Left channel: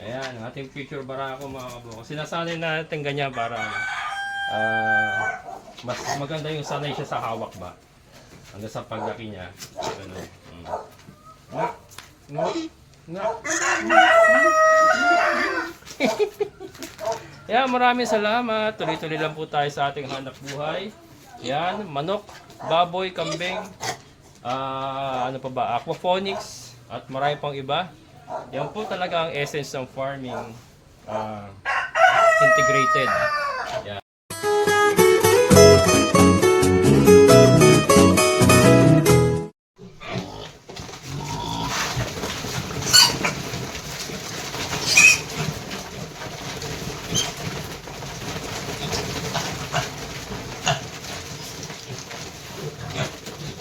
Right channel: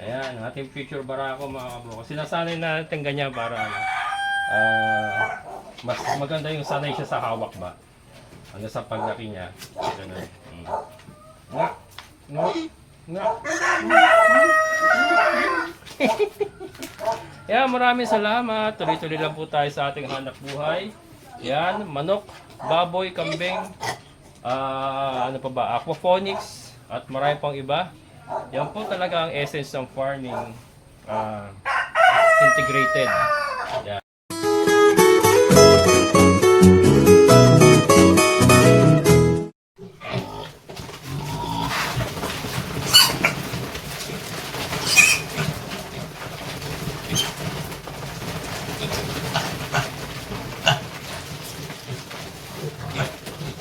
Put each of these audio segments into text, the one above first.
Ayan, ating future barako mga kabukals. Sinasanay natin ganyan para ano, mas maganda yung sanay siya sa hawak ba. Hanggang sa paglaki niya. Ganun. Nga. Nga. Nga. Ayan, maraming salamat. Tuloy-tuloy lang po tayo sa ating hanap buhay. Yan, manok, baboy, kambing, ano pa ba, aquaponics, at marami pang iba. Yan po talaga ang essence ng farming, integrated. Yan.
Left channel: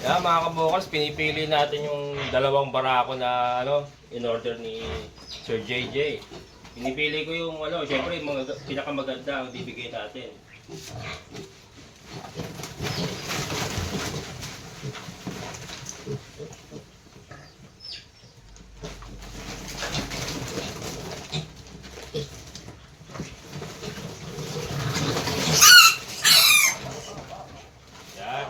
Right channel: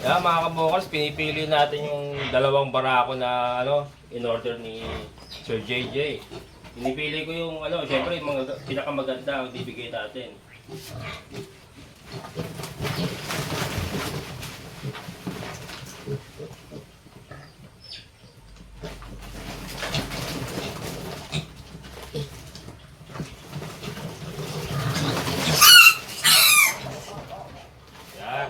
Yeah, mga kabukals, pinipili natin yung dalawang barako na ano, in order ni Sir JJ. Pinipili ko yung ano, syempre yung mga pinakamaganda ang bibigay natin. Yan.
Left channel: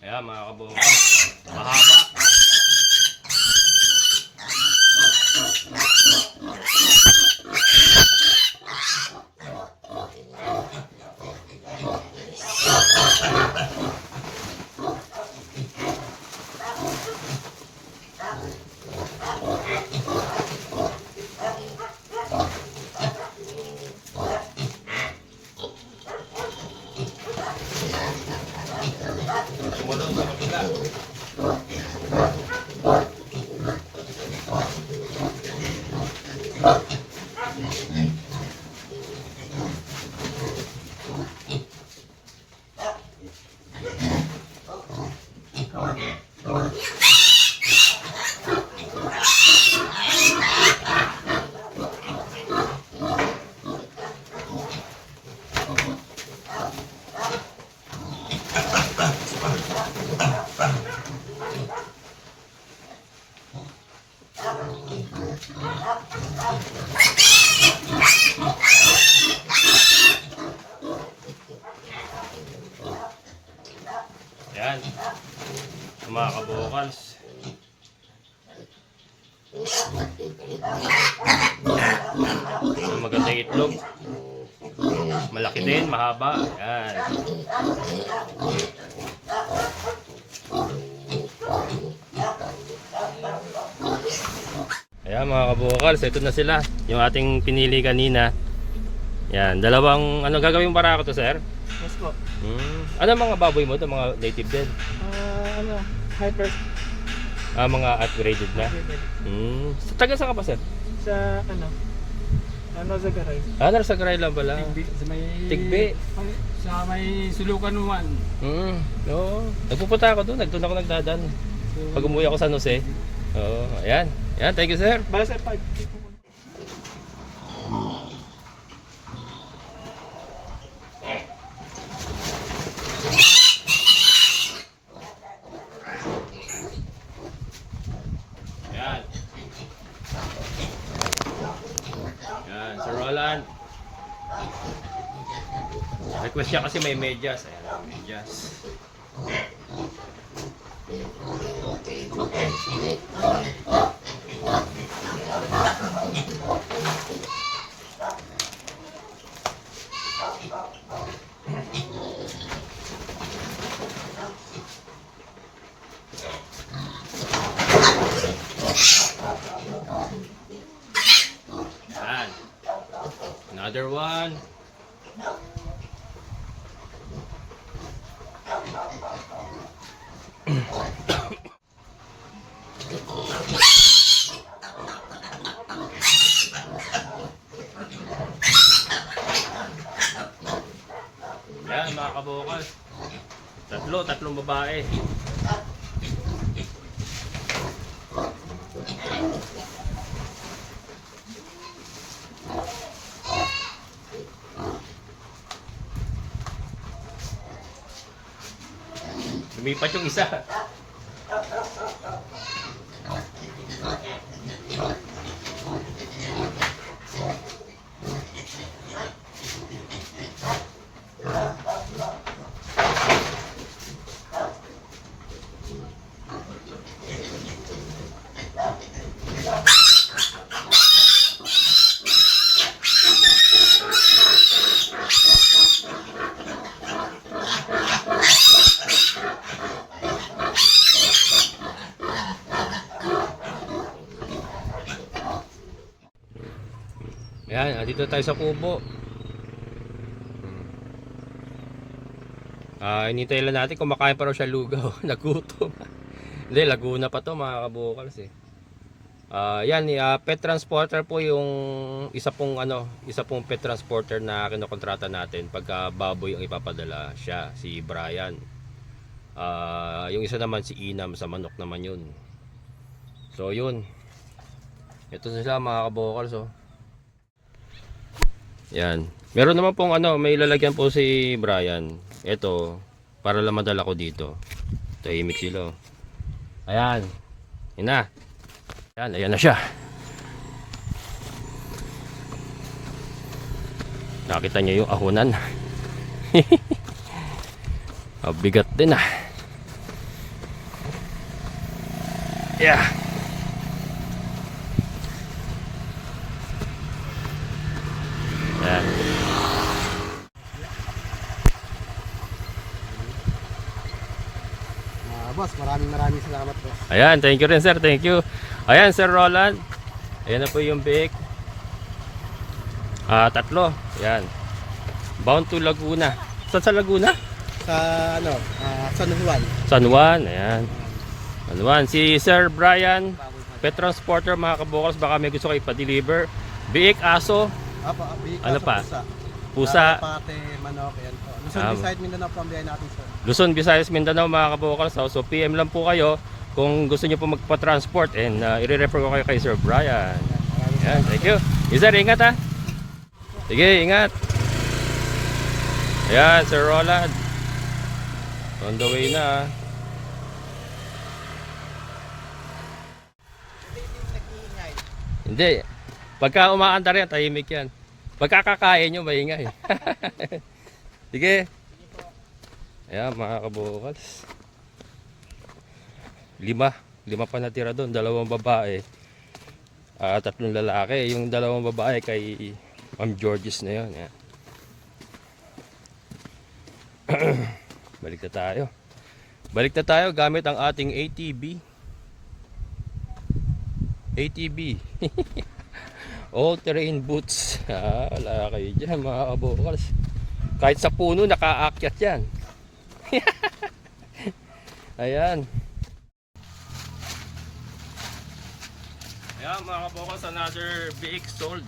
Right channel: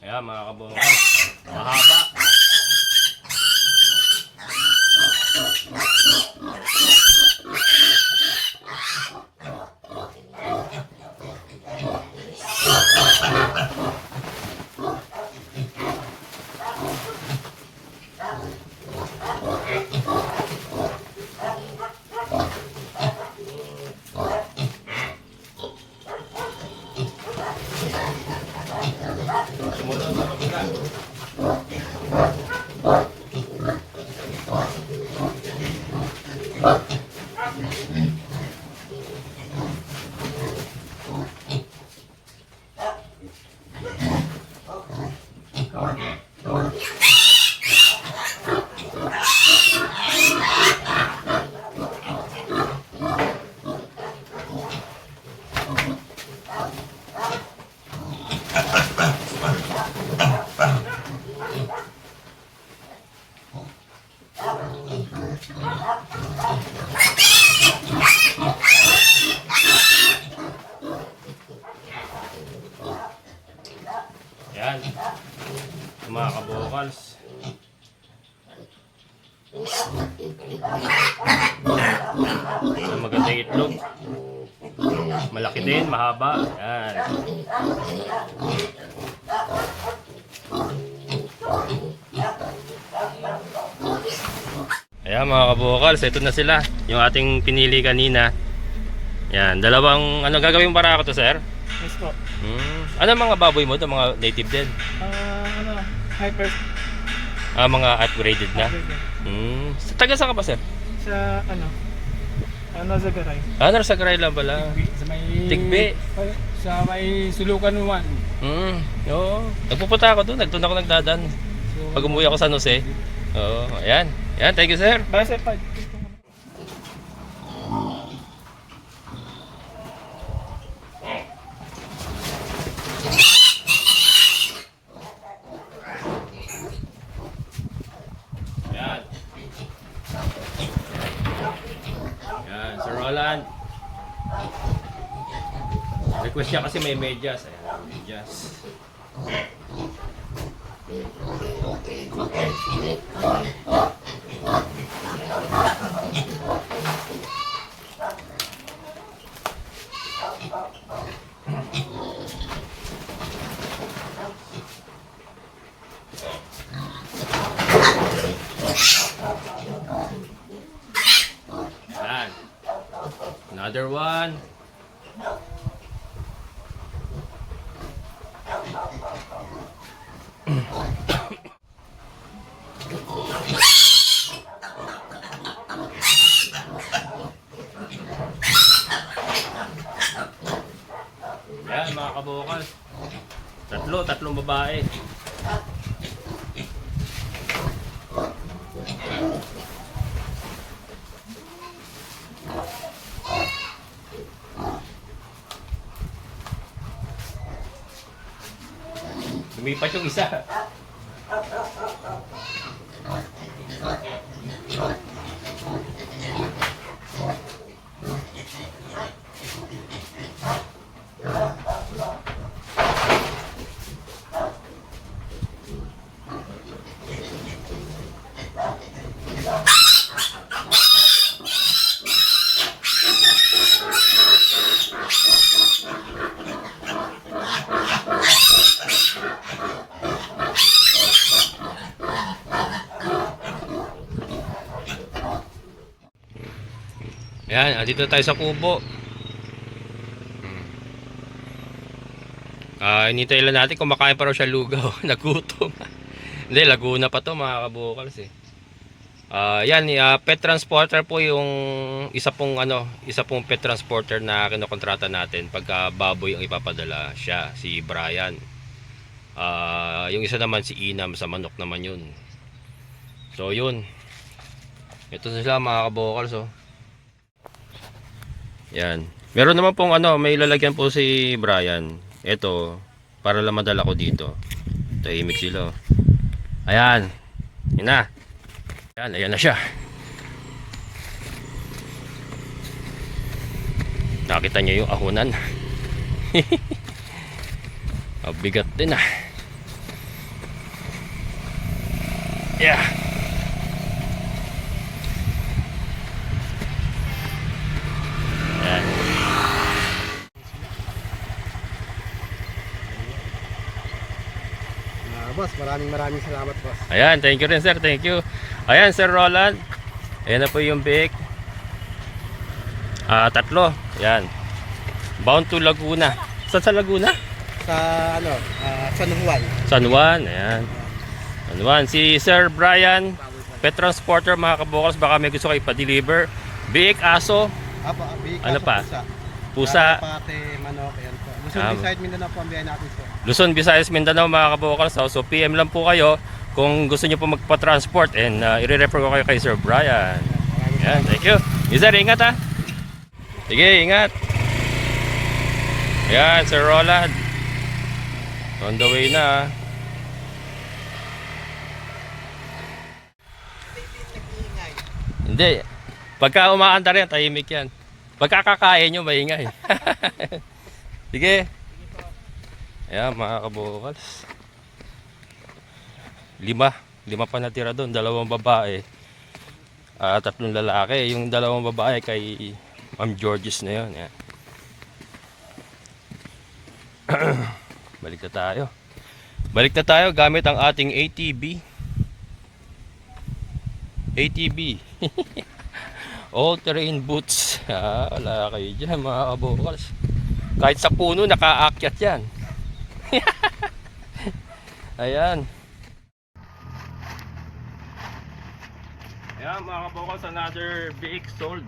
Ayan mga kabukals, mahaba. Sumunod sa kabila. Yan, mga kabukals. Maganda yung itlog. Malaki din, mahaba. Yan. Ayan mga kabukals, ito na sila. Yung ating pinili kanina. Yan, dalawang, ano gagawin para ako to, sir? Yes po. Ano mga baboy mo? Ito mga native din? Hyper. Mga upgraded na? Sa taga saan ka pa, sir? Sa Zagaray. Nasa Garay lang pala. Sa may... Tigbi. Sa may Sulukan 1. Oo. Nagpupunta ako doon. Doon ako nagdadan. Pag umuwi ako sa San Jose. Oo. Ayan. Ayan. Thank you, sir. Basta pa. Ayan. Ayan. Sir Roland. Request niya kasi may medyas. Ayan. Medyas. Ayan. Another one. Yan mga kabukals. Tatlong babae. Lumipat yung isa. Ayan, dito tayo sa kubo. Inintay lang natin, kumakain pa raw siya lugaw. Nagutom. Hindi, Laguna pa to mga kabukals eh. Yan, pet transporter po yung isa pong pet transporter na kinokontrata natin pagka baboy ang ipapadala siya, si Brian. Yung isa naman si Inam, sa manok naman yun. So yun. Ito sila mga kabukals oh. Yan. Meron naman pong may lalagyan po si Brian. Ito, para lang madala ko dito. Tahimik sila. Ayan. Yan na. Ayan na siya. Nakita niyo yung ahunan. Bigat din ah. Yeah. Ayan. Boss, maraming salamat boss. Ayan, thank you rin sir, thank you. Ayan Sir Roland. Ayan na po yung biik. 3. Ayan. Bound to Laguna. Saan sa Laguna? Sa San Juan. San Juan, ayan. San Juan. Si Sir Brian, pet transporter mga kabukals, baka may gusto kayo pa-deliver. Biik, aso. Apa, Ano pa? Pusa. Pusa. Pati manok, ayan po. Luzon, Visayas, Mindanao po ang biyahe natin sir. Luzon, Visayas, Mindanao mga kabukals. So PM lang po kayo kung gusto niyo po magpa-transport and i-refer ko kayo kay Sir Brian. Ayan, thank you. Sir, ingat ha. Sige, ingat. Ayan, Sir Roland. On the way na. Hindi. Pagka umaanda rin, tahimik yan. Pagka kakain nyo, maingay. Sige. Ayan, mga kabukals. 5 pa natira doon. 2 babae. 3 lalaki. Yung 2 babae kay Ma'am Georges na yun. Ayan. Balik na tayo. Balik na tayo gamit ang ating ATV. ATV. All-terrain boots. Wala kayo dyan mga kabukals. Kahit sa puno nakaakyat yan. Ayan. Ayan mga kabukals, another BX sold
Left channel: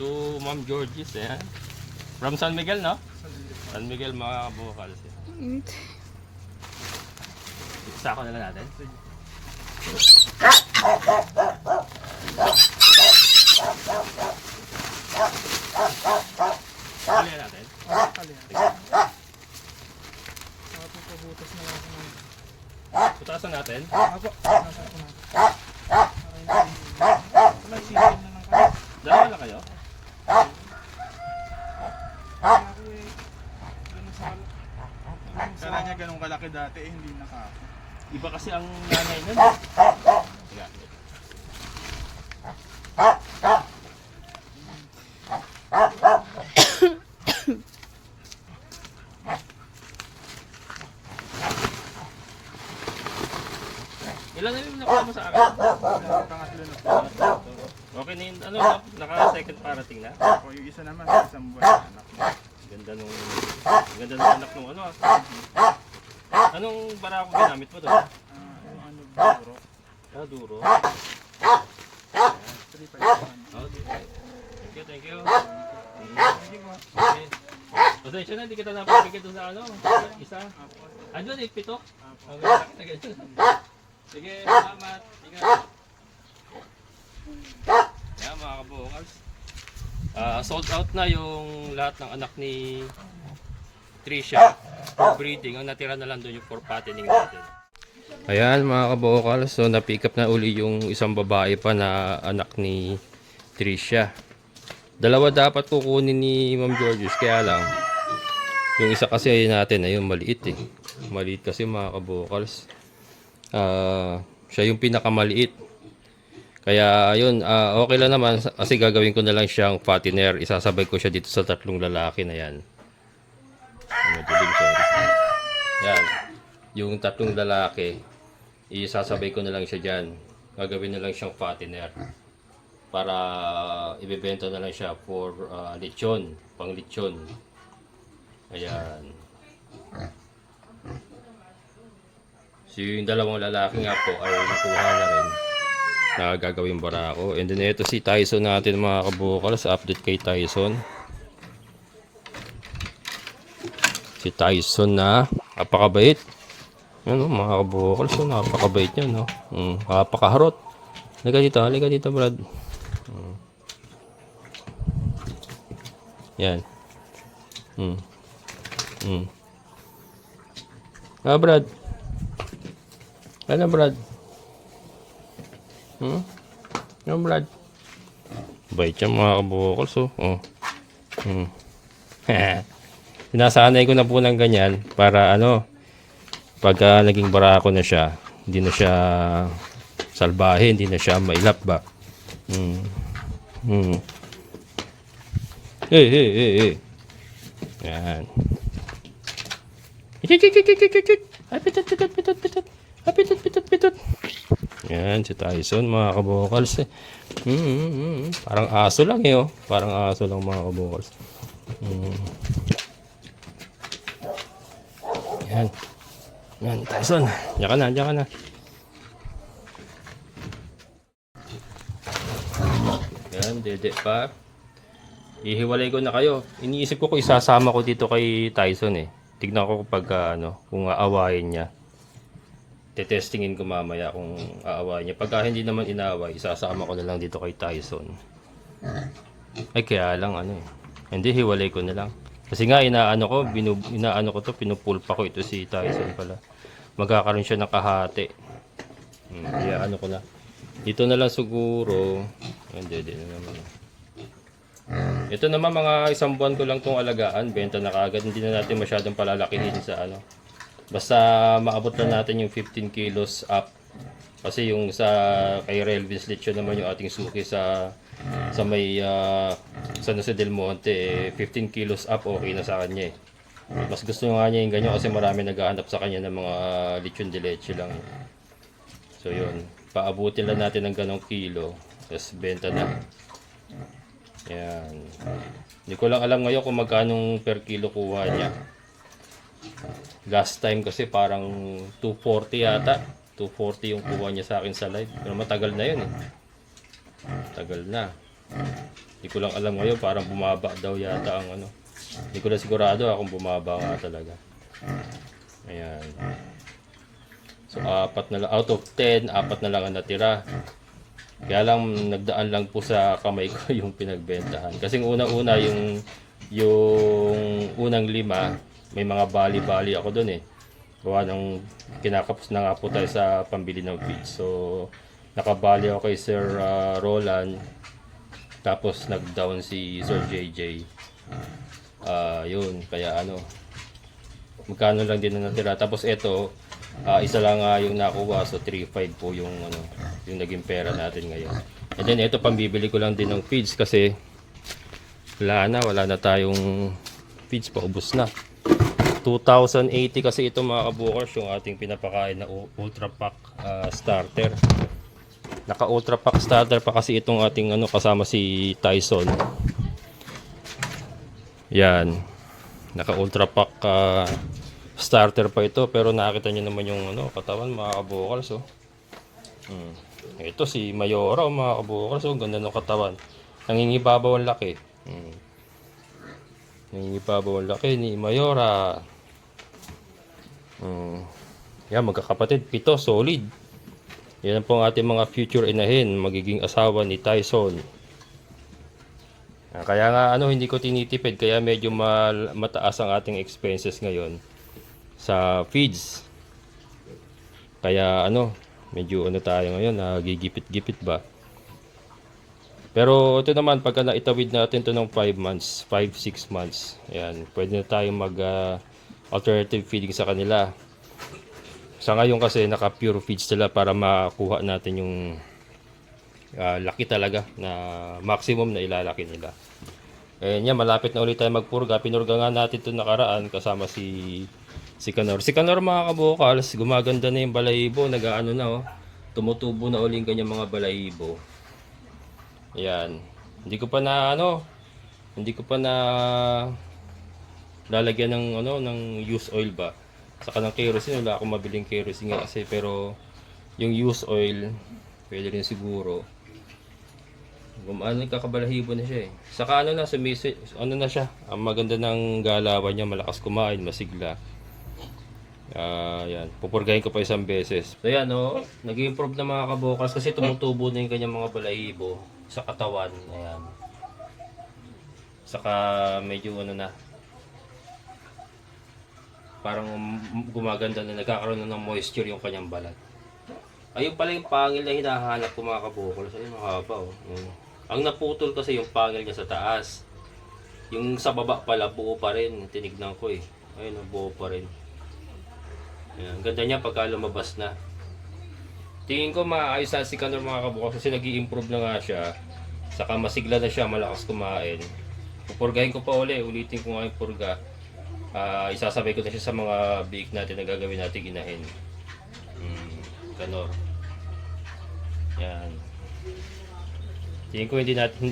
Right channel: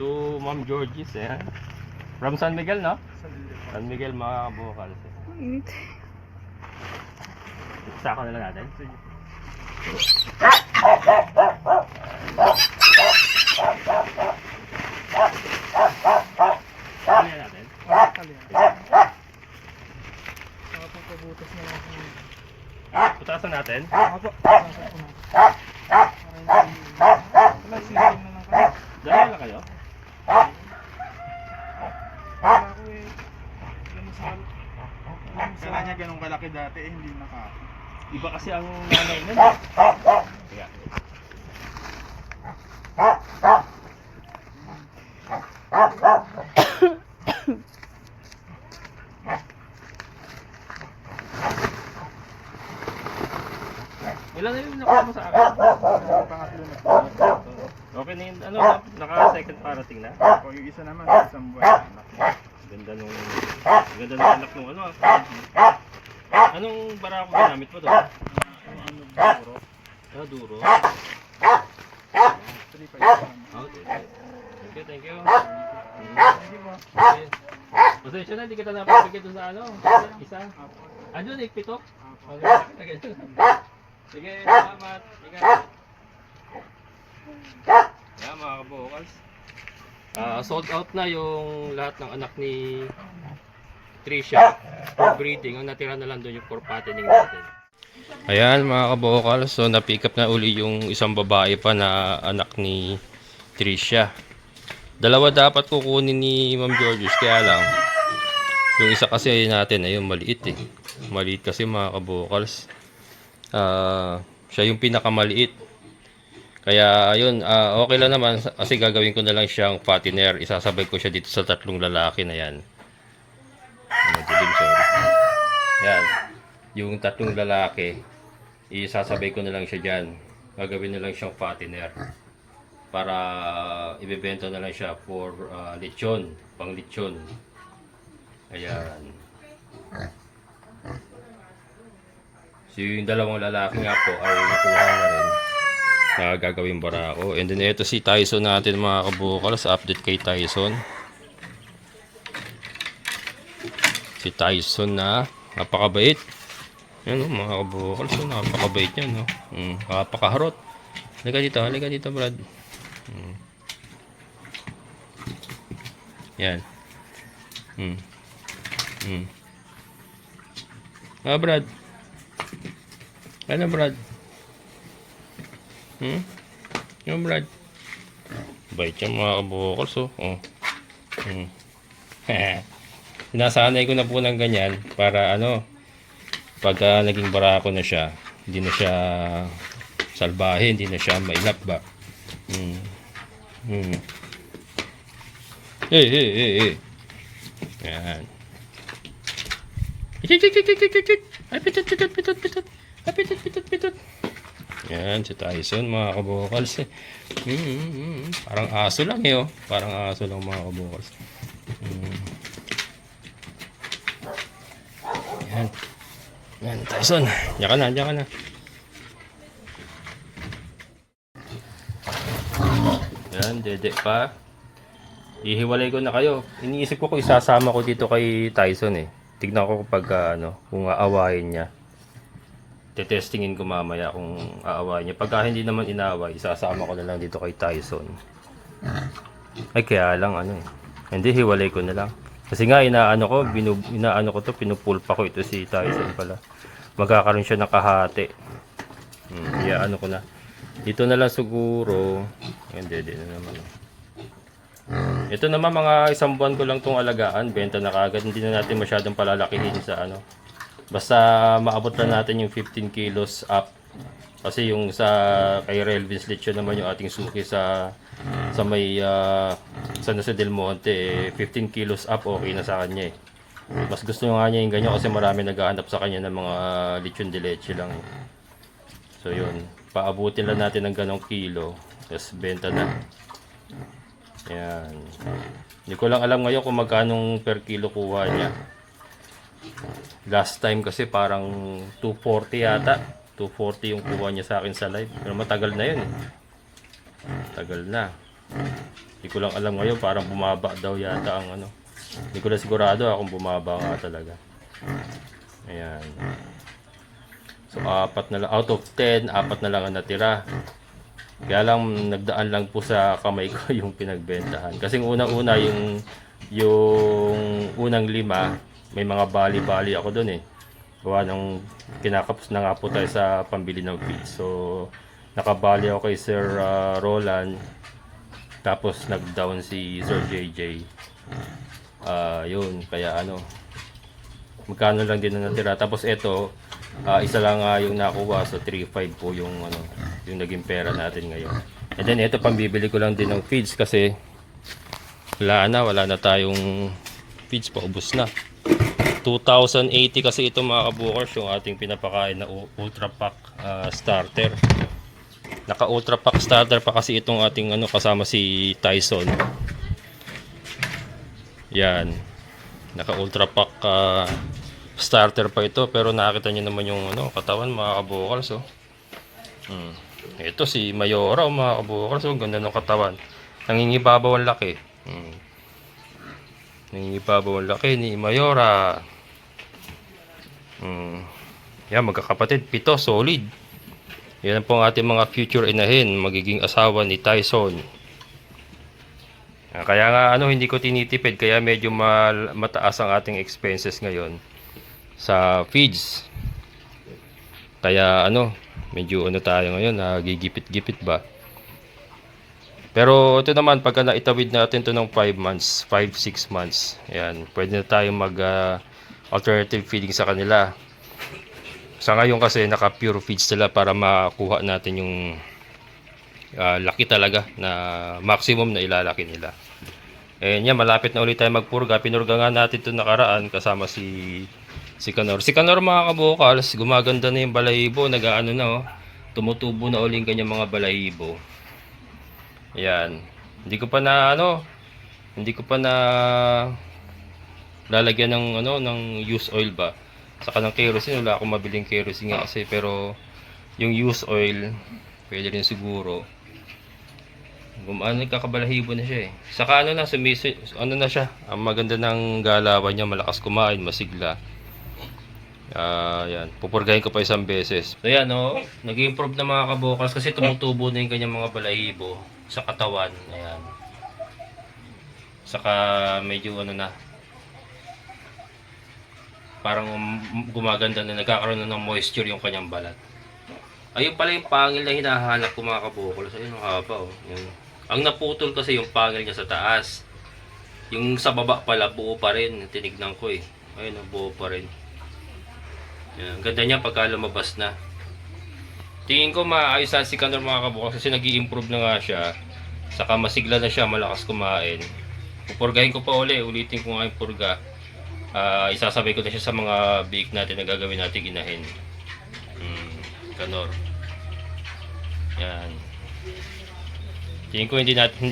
to Ma'am Georges. Ayan. From San Miguel, no? San Miguel mga kabukals. Sako na lang natin. Kalian natin. Pabutas na lang ako. Putasan natin. Ako, nasa ko na. Wala, shipping na lang kayo. Dalawa lang kayo? Wala ko eh. Ganun sa Kala niya ganun kalaki dati, hindi naka. Iba kasi ang nanay nun. Teka. Ilan na yung nakuha mo sa akin? Pangatlo na. Okay na yun, naka second parating na? O yung isa naman, isang buwan. Ganda nung anak nung Anong barako ginamit mo doon? Duro. Duro. 3.5. Okay, thank you. Hindi mo. Okay. Pasensya na, hindi kita napapigay doon sa isa. Doon, 8 pito? Sige, salamat. Ingat. Yan mga kabukals. Sold out na yung lahat ng anak ni Tricia for breeding. Ang natira na lang doon yung for fattening natin. Ayan mga kabokal, so na-pick up na uli yung isang babae pa na anak ni Tricia. Dalawa dapat kukunin ni Ma'am Georges, kaya lang yung isa kasi natin ayun maliit eh. Maliit kasi mga kabokals. Siya yung pinakamaliit. Kaya ayun, okay lang naman kasi gagawin ko na lang siyang fattener. Isasabay ko siya dito sa tatlong lalaki na yan. Sorry. Yan. Yung tatlong lalaki, isasabay ko na lang siya dyan. Gagawin na lang siyang fattener. Para ibebenta na lang siya for lechon, pang lechon. Ayan. So yung dalawang lalaki nga po ay nakuha na rin na gagawin barako. And then ito si Tyson natin mga kabukals. Update kay Tyson. Si Tyson na napakabait. Yan o mga kabukals. So, napakabait niya no. Napakaharot. Halika dito Brad. Yan. Brad. Ano Brad? Yung Brad. Bait yan mga kabukals oh. Sinasanay ko na po ng ganyan para ano, pagka naging barako na siya, hindi na siya salbahe, hindi na siya mailap ba. Hey. Yan. Pitot. Yan, si Tyson mga kabukals. Parang aso lang eh oh. Parang aso lang mga kabukals. Yan, Tyson. Diyan ka na. Yan, dede pa. Ihiwalay ko na kayo. Iniisip ko kung isasama ko dito kay Tyson eh. Tignan ko kapag kung aawayin niya. Tetestingin ko mamaya kung aawayin niya. Pagka hindi naman inaaway, isasama ko na lang dito kay Tyson. Ay kaya lang hindi hiwalay ko na lang. Kasi nga inaano ko to, pinupulpa ko ito si Tyson pala. Magkakaroon siya ng kahati. Ano ko na. Dito na lang siguro. Hindi na naman. Ito naman mga isang buwan ko lang tong alagaan, benta na kagad. Hindi na natin masyadong palalakihin sa Basta maabot lang natin yung 15 kilos up. Kasi yung sa kay Relvins Lechon naman yung ating suki sa may San Jose del Monte 15 kilos up okay na sa kanya eh. Mas gusto nga niya yung ganyan kasi marami naghahanap sa kanya ng mga lechon de leche lang. So yun, paabutin lang natin ng ganong kilo, tapos benta na. Yan. Hindi ko lang alam ngayon kung magkano per kilo kuha niya. Last time kasi parang 240 yata. 240 yung kuha niya sa akin sa live. Pero matagal na yun eh. Tagal na. Hindi ko lang alam ngayon, parang bumaba daw yata ang Hindi ko na sigurado kung bumaba nga talaga. Ayan. So, 4 na lang. Out of 10, 4 na lang ang natira. Kaya lang, nagdaan lang po sa kamay ko yung pinagbentahan. Kasi una-una yung unang 5, may mga bali-bali ako dun eh. Gawa ng kinakapos na nga po tayo sa pambili ng feed. So, nakabali ako kay Sir Roland. Tapos, nag-down si Sir JJ. Yun, kaya magkano lang din na natira. Tapos, ito, isa lang yung nakuha. So, 3.5 po yung naging pera natin ngayon. And then, ito, pambibili ko lang din ng feeds kasi wala na tayong feeds, paubos na. 2,080 kasi ito mga kabukers yung ating pinapakain na Ultra Pack starter. Naka Ultra Pack starter pa kasi itong ating kasama si Tyson. Yan. Naka Ultra Pack starter pa ito pero nakita niyo naman yung katawan mga kabukers oh. Ito si Mayora mga kabukers oh, ganda ng katawan. Nangingibabaw ang laki. Nangingibabaw ang laki ni Mayora. Yan, magkakapatid, 7, solid. Yan po ang ating mga future inahin, magiging asawa ni Tyson. Kaya nga hindi ko tinitipid kaya medyo mataas ang ating expenses ngayon sa feeds. Kaya medyo tayo ngayon, nagigipit-gipit ba. Pero ito naman pagka naitawid natin to ng 5 months, 5-6 months. Ayan, pwede na tayo mag alternative feeding sa kanila. Sa ngayon kasi naka pure feeds sila para makuha natin yung laki talaga na maximum na ilalaki nila. Yan, malapit na ulit tayo magpurga. Pinurga nga natin ito nakaraan kasama si Kanor. Si Kanor mga kabukals, gumaganda na yung balahibo. Nag-ano na tumutubo na ulit kanyang mga balahibo. Yan. Hindi ko pa na lalagyan ng used oil ba. Saka ng kerosene, wala akong mabiling kerosene nga kasi, pero yung used oil pwede rin siguro. Nagkakabalahibo na siya eh. Saka na siya. Ang maganda ng galawan niya, malakas kumain, masigla. Yan. Pupurgahin ko pa isang beses. So yan nag-improve na mga kabukals kasi tumutubo na yung kanyang mga balahibo sa katawan. Ayan. Saka medyo na. Parang gumaganda na, nagkakaroon na ng moisture yung kanyang balat. Ayun pala yung pangil na hinahanap ko mga kabukals. Ayun ang haba Yun. Ang naputol kasi yung pangil niya sa taas. Yung sa baba pala buo pa rin. Tinignan ko eh. Ayun, buo pa rin. Yan, ang ganda niya pagka lumabas na. Tingin ko maayos na si Kanor mga kabukals kasi nag-i-improve na nga siya. Saka masigla na siya, malakas kumain. Pupurgahin ko pa ulitin ko nga yung purga. Isasabay ko na siya sa mga bake natin na gagawin natin inahin. Kanor. Yan. Tingin ko hindi natin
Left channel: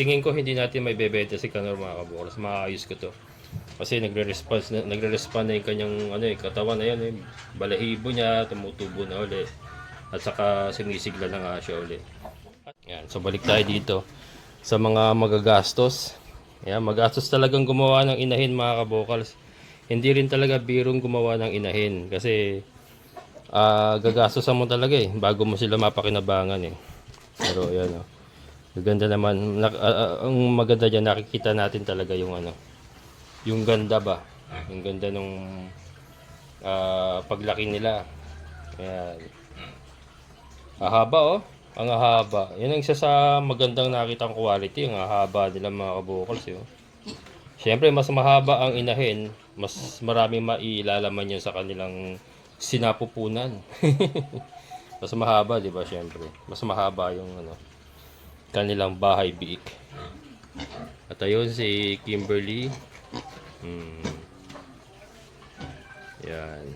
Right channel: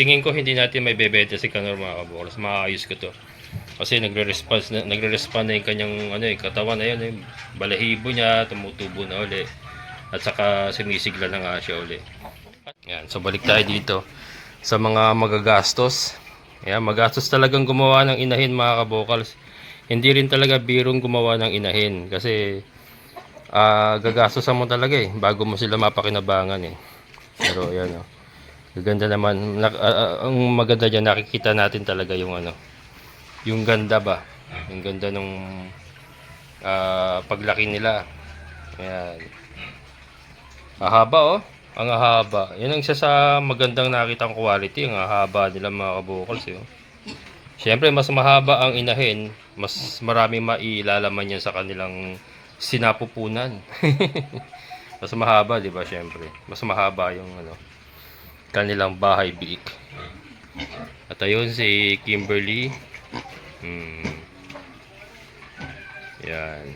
tingin ko hindi natin may bebenta si Kanor mga kabukals. Maayos ko to. Kasi nagre-respond na yung kanyang katawan na yun, balahibo niya tumutubo na uli. At saka sumisigla na nga siya uli. Yan, so balik tayo dito sa mga magagastos. Yan, magastos talagang gumawa ng inahin mga kabukals. Hindi rin talaga birong gumawa ng inahin kasi gagastosan mo talaga bago mo sila mapakinabangan Pero ayan gaganda naman. Ang maganda dyan, nakikita natin talaga yung yung ganda ba, yung ganda nung paglaki nila. Ayan, ahaba ang ahaba. Yan ang isa sa magandang nakitang quality, ang ahaba nila mga kabukals Siyempre mas mahaba ang inahin, mas maraming mailalaman yan sa kanilang sinapupunan. Mas mahaba, di ba? Siyempre mas mahaba yung kanilang bahay biik. At ayun si Kimberly. Yan.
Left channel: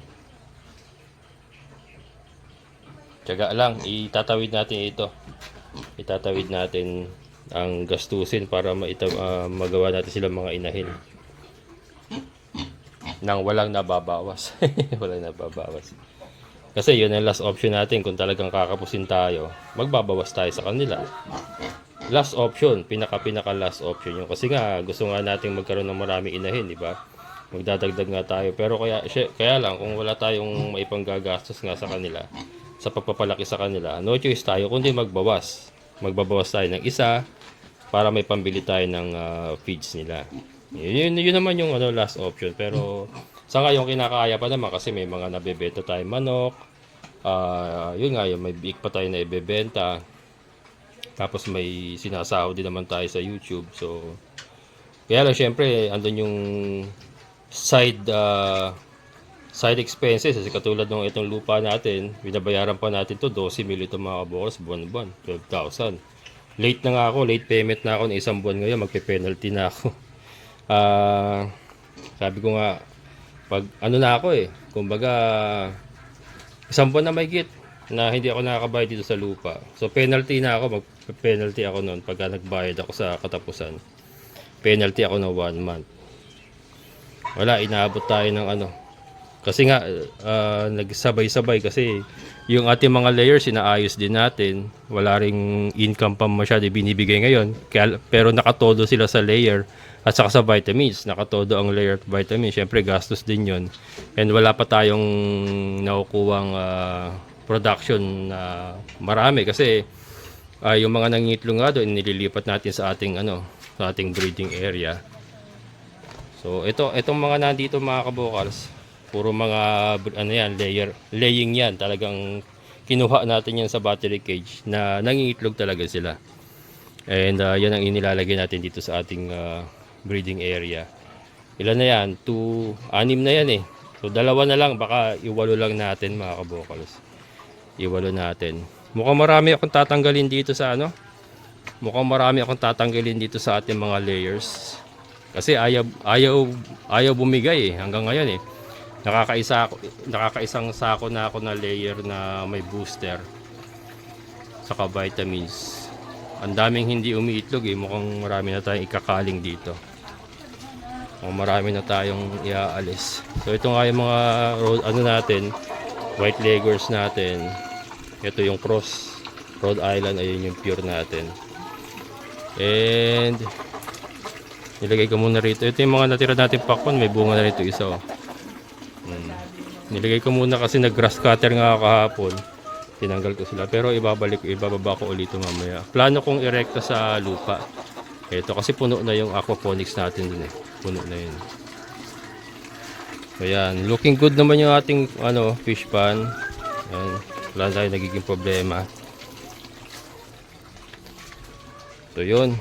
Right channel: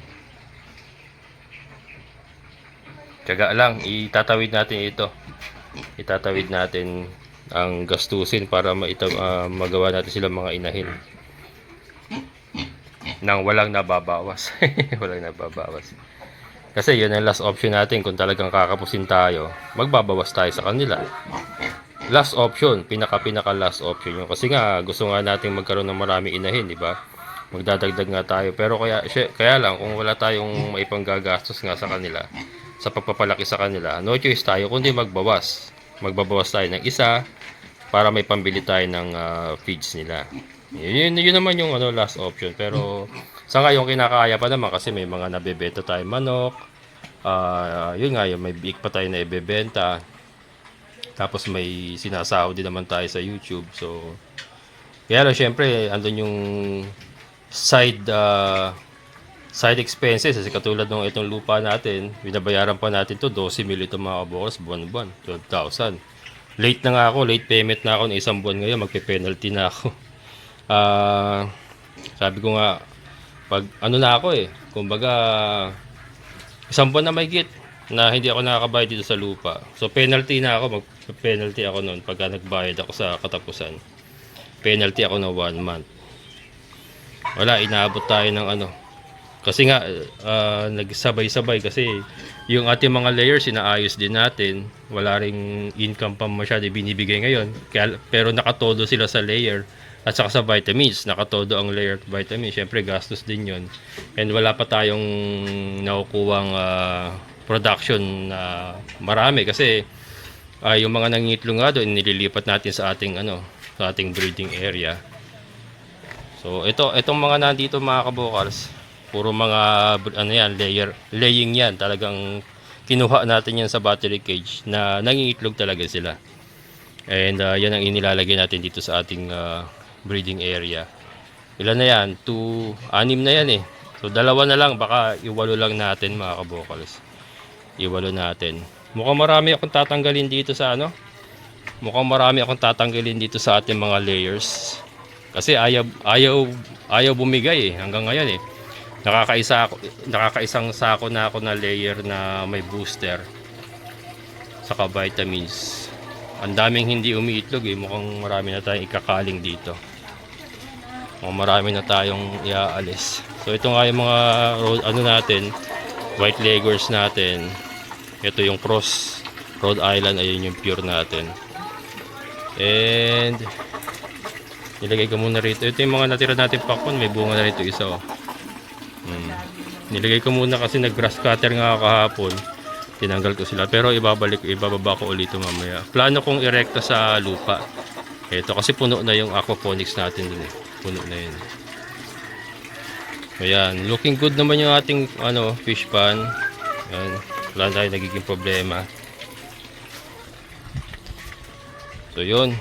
Tiyaga lang, itatawid natin ito. Itatawid natin ang gastusin para magawa natin sila mga inahin nang walang nababawas. Walang nababawas. Kasi yun ang last option natin. Kung talagang kakapusin tayo, magbabawas tayo sa kanila. Last option, pinaka last option yun. Kasi nga gusto nga nating magkaroon ng maraming inahin, di ba? Magdadagdag nga tayo. Pero kaya lang kung wala tayong maipanggagastos nga sa kanila, sa pagpapalaki sa kanila, no choice tayo kundi magbawas. Magbabawas tayo ng isa para may pambili tayo ng feeds nila. Yun naman yung last option. Pero sa ngayon kinakaya pa naman kasi may mga nabebenta tayo manok. Yun nga, may biik pa tayo na ibebenta. Tapos may sinasahod din naman tayo sa YouTube. So kaya lang syempre andun yung side expenses kasi katulad ng itong lupa natin, binabayaran pa natin to 12 mil ito mga kabukals buwan-buwan, 12,000. Late na nga ako, late payment na ako ng isang buwan ngayon, magpe-penalty na ako. Sabi ko nga pag na ako kumbaga isang buwan na may git na hindi ako nakakabayad dito sa lupa. So penalty na ako, mag-penalty ako noon pagka nagbayad ako sa katapusan. Penalty ako ng 1 month. Wala, inaabot tayo ng kasi nga nagsabay-sabay kasi yung ating mga layers inaayos din natin. Wala ring income pa masyado binibigay ngayon. Pero nakatodo sila sa layer at saka sa vitamins. Nakatodo ang layer at vitamins. Siyempre gastos din yun. And wala pa tayong nakukuhang production na marami kasi Yung mga nangingitlog nga doon, nililipat natin sa ating sa ating breeding area. So itong mga nandito mga kabokals, puro mga laying yan. Talagang kinuha natin yan sa battery cage na nangingitlog talaga sila. And yan ang inilalagay natin dito sa ating breeding area. Ilan na yan? 6 na yan eh. So dalawa na lang, baka iwalo lang natin mga kabokals. Iwalo natin. Mukhang marami akong tatanggalin dito sa Mukhang marami akong tatanggalin dito sa ating mga layers. Kasi ayaw bumigay eh hanggang ngayon eh. Nakakaisang sako na ako na layer na may booster saka vitamins. Ang daming hindi umiitlog eh. Mukhang marami na tayong ikakaling dito. Mukhang marami na tayong iaalis. So ito nga yung mga natin, white leggers natin. Ito yung cross Rhode Island, ayun yung pure natin. And nilagay ko muna rito. Ito yung mga natira natin pakwan, may bunga na rito isa oh. Nilagay ko muna kasi nag-grass cutter nga kahapon. Tinanggal ko sila pero ibababa ko ulit mamaya. Plano kong irekta sa lupa. Ito kasi puno na yung aquaponics natin din eh. Puno na yun. Ayan, looking good naman yung ating fish pan. Ayan, wala na tayong nagiging problema. So yun,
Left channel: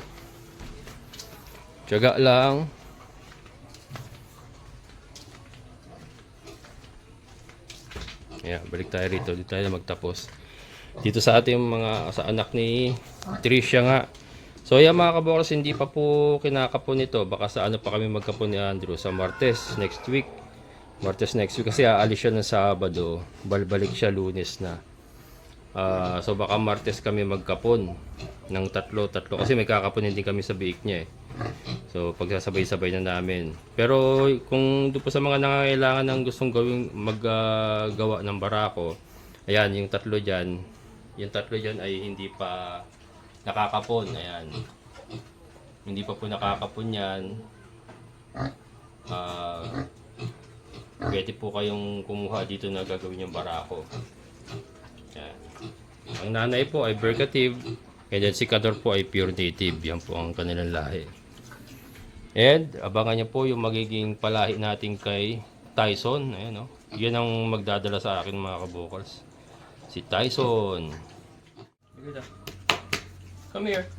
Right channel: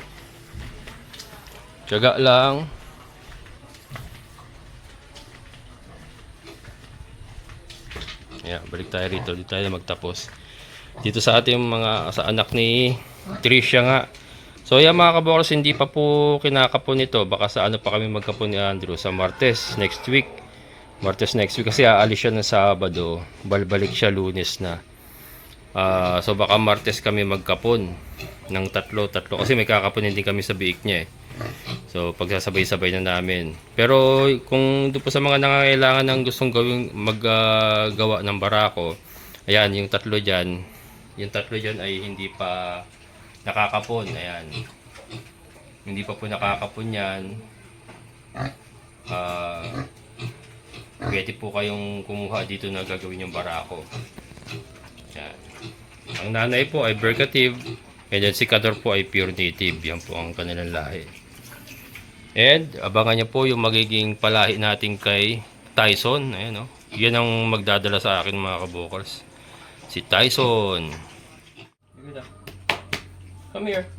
tiyaga lang. Yeah, balik tayo rito. Dito tayo na magtapos. Dito sa ating sa anak ni Tricia nga. So yan mga kabokals, hindi pa po kinakapon ito. Baka sa pa kami magkapon ni Andrew sa Martes next week. Kasi aalis siya ng Sabado. Balbalik siya Lunes na. So baka Martes kami magkapon ng tatlo kasi may kakapunin din kami sa biik niya eh. So pagsasabay-sabay na namin. Pero kung doon po sa mga nangangailangan ng gustong maggawa ng barako, ayan yung tatlo diyan ay hindi pa nakakapon. Ayan. Hindi pa po nakakapon yan. Pwede po kayong kumuha dito na gagawin yung barako. Ayan. Ang nanay po ay Bercative, and then si Cador po ay pure native. Yan po ang kanilang lahi. And abangan niyo po yung magiging palahi natin kay Tyson. Ayan, yan ang magdadala sa akin mga kabokals. Si Tyson. Come here.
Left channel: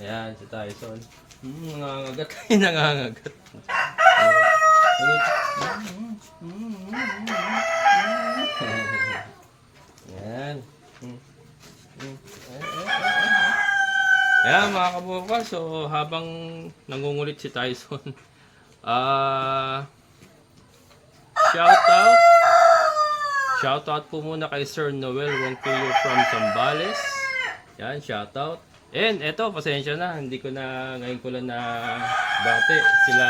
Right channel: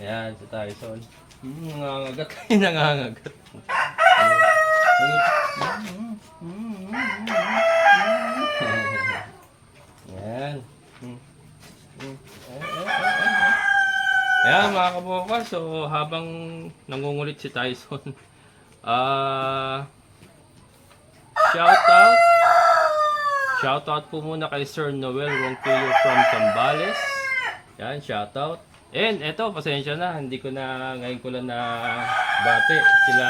Ayan, si Tyson. Nangangagat. Nangangagat. Ayan. Ayan mga kabukal. So habang nangungulit si Tyson, shoutout po muna kay Sir Noel Ronquillo from Zambales. Ayan, shoutout. And eto, pasensya na, ngayon ko lang na bate sila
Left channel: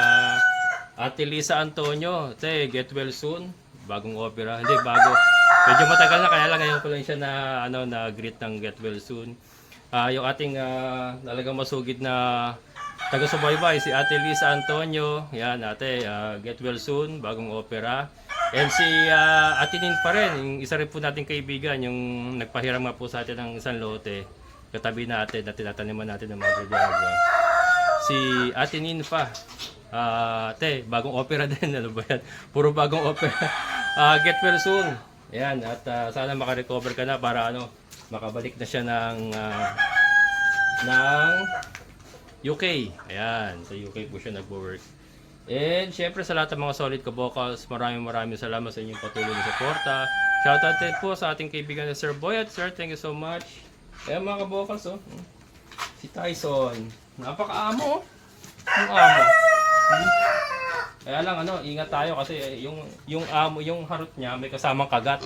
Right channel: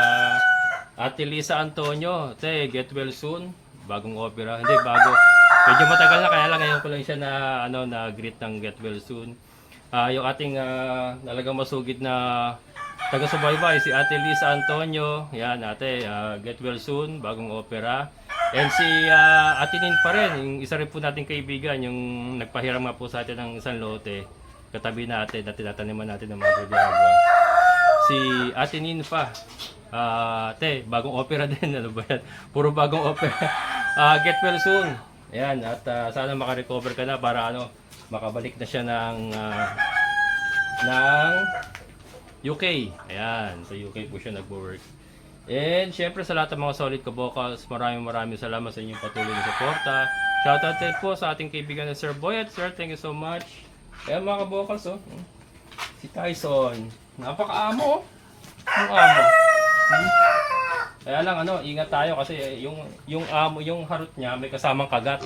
Ate Lisa Antonio. Get well soon. Bagong opera. Hindi, bago. Medyo matagal na, kaya lang ngayon ko lang siya na greet ng get well soon. Yung ating talagang masugid na taga-subaybay, si Ate Lisa Antonio. Yan, ate, get well soon. Bagong opera. And si Ate Nin pa rin, yung isa rin po nating kaibigan, yung nagpahiram nga po sa atin ng isang lote. Katabi natin na tinataniman natin ng mga gagwa. Si Ate Nin pa. Ate, bagong opera din. Ano ba yan? Puro bagong opera. Get well soon. Ayan, at sana makarecover ka na para makabalik na siya ng UK. Ayan, sa UK po siya nag-work. And syempre sa lahat ng mga solid kabokals, maraming salamat sa inyong patuloy na suporta. Shoutout din po sa ating kaibigan na Sir Boyet. Sir, thank you so much. Ayan mga kabokals, si Tyson. Napaka-amo, yung amo. Kaya lang ingat tayo kasi yung amo, yung harot niya may kasamang kagat.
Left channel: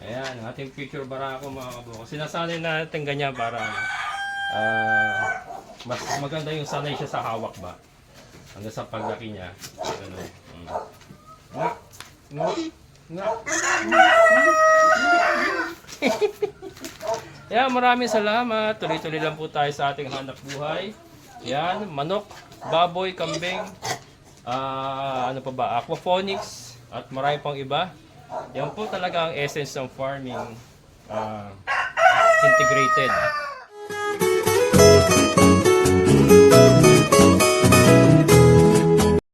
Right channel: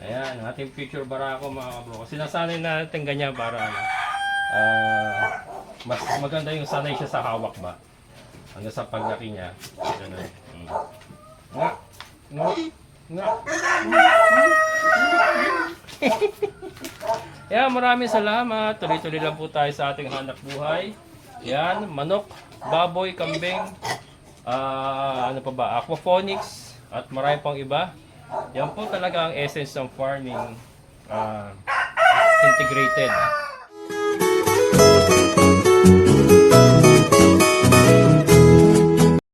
Ayan, ang ating future barako mga kabokals. Sinasanay natin ganyan para mas maganda yung sanay siya sa hawak ba. Hanggang sa paglaki niya. Nga. Yan, maraming salamat. Tuloy-tuloy lang po tayo sa ating hanap buhay. Yan, manok, baboy, kambing, ano pa ba, aquaponics, at marami pang iba. Yan po talaga ang essence ng farming integrated.